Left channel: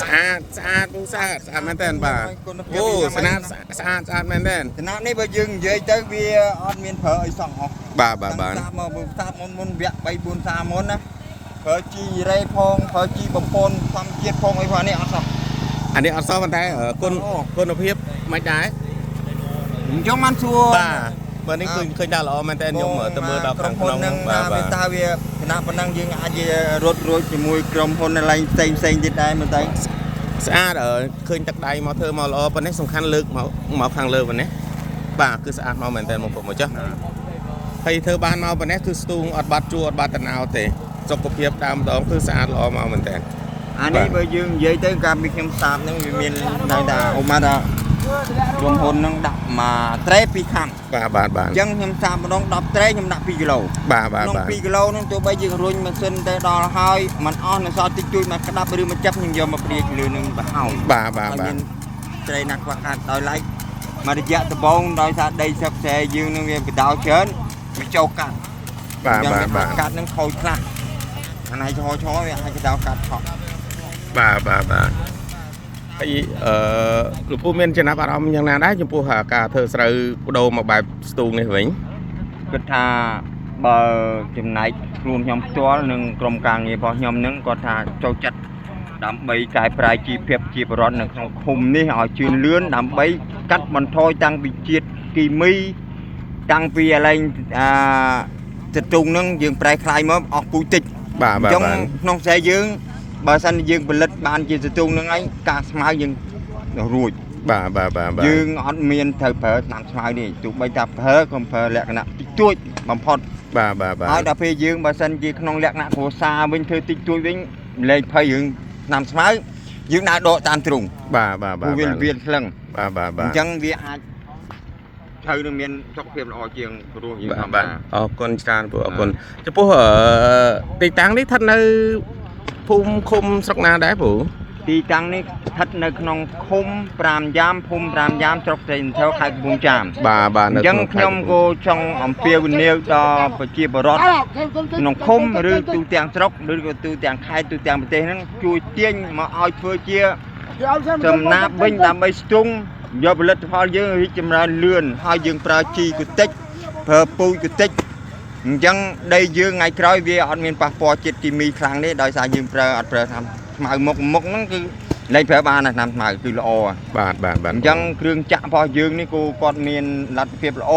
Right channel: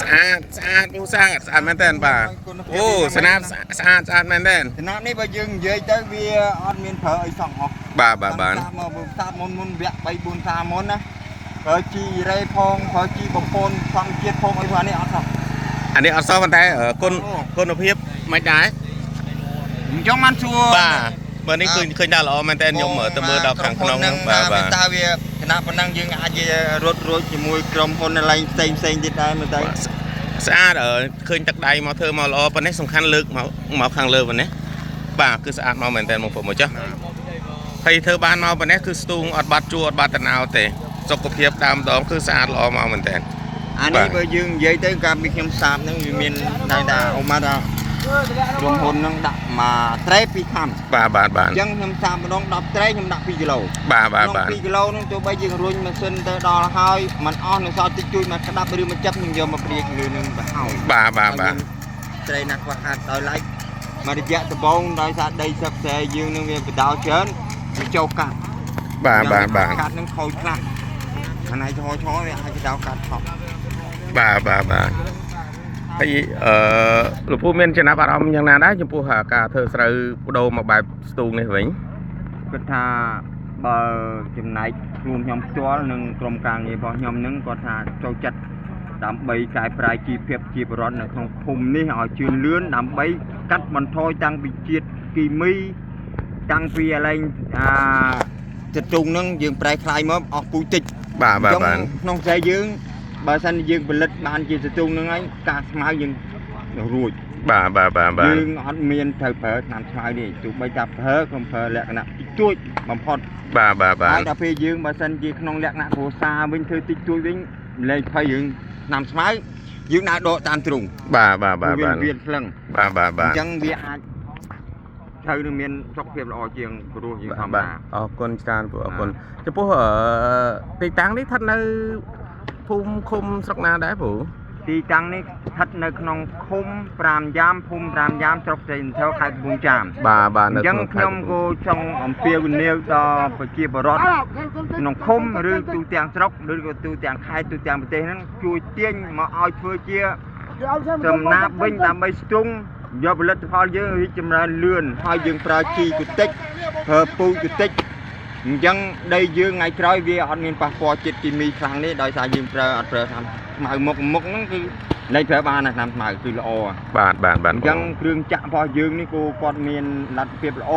สะอาดสะอาดผู้สะอาดสะอาดแม่นแต่นป่ะโอ้สะอาดสะอาดสะอาดแม่นแต่น ขณะนี้បើយើងនិយាយទៅវាអត់មានប្រើអីសោះអស់ បាទបាទបាទ តាមុនវគ្គ3 4សាមុនណាប្រើជីរ៉េផងប្រើជីបំពន់ធម្មជាតិផងអីផងនេះអត់សោះ อันนี้អត់សោះប៉ុន្តែគុណភាពមិនដែរ អញ្ចឹងបានសួរ បាទបើនេះឃើញដល់ល្អមែនតែខ្ញុំទៅមើលដល់ខាងក្នុងហ្នឹងបាទបាទ តើវាគណៈប៉ុណ្ណឹងយើងអាចរត់រួចជាមួយក្រុមហ៊ុនឡៃផ្សេងទៀតដែរមើលទៅ ស្អាតឃើញទឹកដៃមកធ្វើមកល្អប៉ុណ្នេះសំខាន់លើកមកខាងលើប៉ុណ្នេះបាទគឺស្អាតមកមែនតែបងប្អូនមកចាស់ហើយធ្វើបានមកប៉ុណ្នេះគឺស្ទូងអត់បាត់ជួអត់បាត់តណៅទេសុខភាពដើមដងគឺស្អាតល្អមកមែនតែ អានេះបើយើងនិយាយទៅការពីខ្ញុំសាបហ្នឹងវាមានតែថាអូម៉ាថាក្រុមហ៊ុនហ្នឹងដាក់មកត្រេ2ខាំ បាទបាទបាទ អញ្ចឹងខ្ញុំសាបម្ដង10ត្រេខ្ញុំដាក់2គីឡូ បាទបាទបាទ 2គីឡូហ្នឹងទោះបីយើងរុញម៉ាស៊ីនទៅដល់ហើយมันអស់នៅសល់តិចតួចមកក្តាប់ឬមកចាប់ខ្ញុំយកមកព្រាយលើនឹងទៅហើយ បាទបាទបាទ ត្រេណាស់ខ្វះខាតដោយឡែកមករយៈដំបូងដោយសារដីសឹកស្រែយើងនឹងវាបដោច្រើនវាចូលកាត់ បាទបាទបាទ កាត់នឹងខូចខ្លះអានេះឆោវាអាចបដោកាត់ខុស បាទបាទបាទហើយលោកពូមានចំណាប់អារម្មណ៍យ៉ាងណាដែរចំពោះការធ្វើស្រូវបដូរមកបែបស្ទូងនេះវិញ គិតថាបើចំណែកខ្លួនខ្ញុំផ្ទាល់និងក្រុមការងាររបស់ខ្ញុំនឹងគាត់ថាចូលចិត្តដើម្បីកែប្រែជីវភាពជាបរិវត្តនៅក្នុងភូមិនេះឲ្យជឿនលឿនដើម្បីកាត់បន្ថយតាំងពីជាតិគីមីតាំងពីឡើងទឹកទុងនឹងយើងប្រែคลายមកអស់ពូជតិច បាទបាទបាទ ក្នុងស្រីយើងបើសិនយើងផលិតបានជាទឹកទុងនឹងហើយការស្មៅយើងរួច បាទបាទបាទបាទ យើងអត់មានត្រូវប្រើថ្នាំស្មៅនេះទោះបីថាប្រើក៏ប្រើលក្ខណៈតិចតួចបំផុត បាទបាទបាទ ហើយដល់ពេលយើងបើសិនជាក្នុងលក្ខណៈគ្រួសារវិញធ្វើតិចតួចវិញលែងភ័យយើងថ្នាំស្មៅយើងដើរដកតាមទ្រុង បាទបាទបាទ វាវាថ្លឹង បាទបាទ អ បាទ ញ្ចឹងវាអាចត្រូវនឹងមានសុខភាពល្អជាងព្រោះយើងធម្ម បាទ តា អរគុណច្រើនពូអរគុណចំពោះទីតាំងនេះស្ថិតនៅភូមិឃុំស្រុកណាដែរពូ ទីតាំងនេះស្ថិតនៅក្នុងឃុំ5យ៉ាមភូមិ5យ៉ាមស្រុកត្រេនធរខេត្តកំពង់ចាម បាទបាទ អញ្ចឹងខ្ញុំក៏ចង់អំពាវនាវដល់ប្រជាពលរដ្ឋក្នុងឃុំឬទូទាំងស្រុកឬក៏ទូទាំងខេត្តទូទាំងប្រទេសហ្នឹងជួយទាញមកឲ្យធ្វើជាចំណាប់វិញដើម្បីស្ទង់យកផលិតផលយើងរីកចម្រើនលឿនហើយយើងប្រើជីកតិចប្រើពូជកតិចអញ្ចឹងដីយើងថ្ងៃក្រោយវាអត់មានប៉ះពាល់ជាតិគីមីខ្លាំងទេដោយសារយើងប្រើអត់ប្រើថ្នាំស្មៅមុខហ្នឹងគឺលែងប្រើបានណាថ្នាំស្មៅគឺល្អ បាទបាទបាទ អញ្ចឹងគ្រឿងចាក់របស់យើងនេះគូគាត់មានលទ្ធភាពល្អ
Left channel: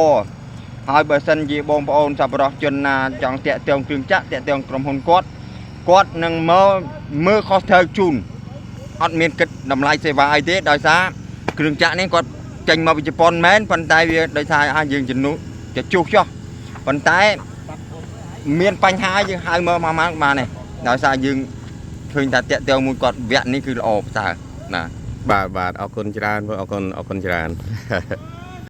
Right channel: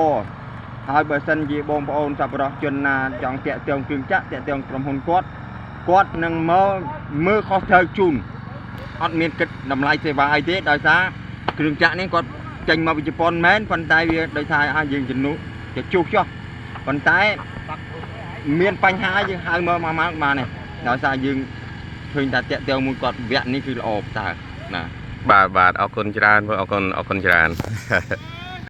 ហើយបើសិនជាបងប្អូនសប្បុរសជនណាចង់តាក់ទងគ្រឿងចាក់តាក់ទងក្រុមហ៊ុនគាត់នឹងមកមើលខុសត្រូវជូនអត់មានគិតតម្លៃសេវាអីទេដោយសារគ្រឿងចាក់នេះគាត់ចេញមកពីជប៉ុនមែនប៉ុន្តែវាដោយសារយើងជំនួសទៅជួសចោះប៉ុន្តែមានបញ្ហាយើងហៅមកបានទេដោយសារយើងឃើញថាតាក់ទងមួយគាត់វគ្គនេះគឺល្អប្រសើរណា បាទបាទអរគុណច្រើនអរគុណច្រើន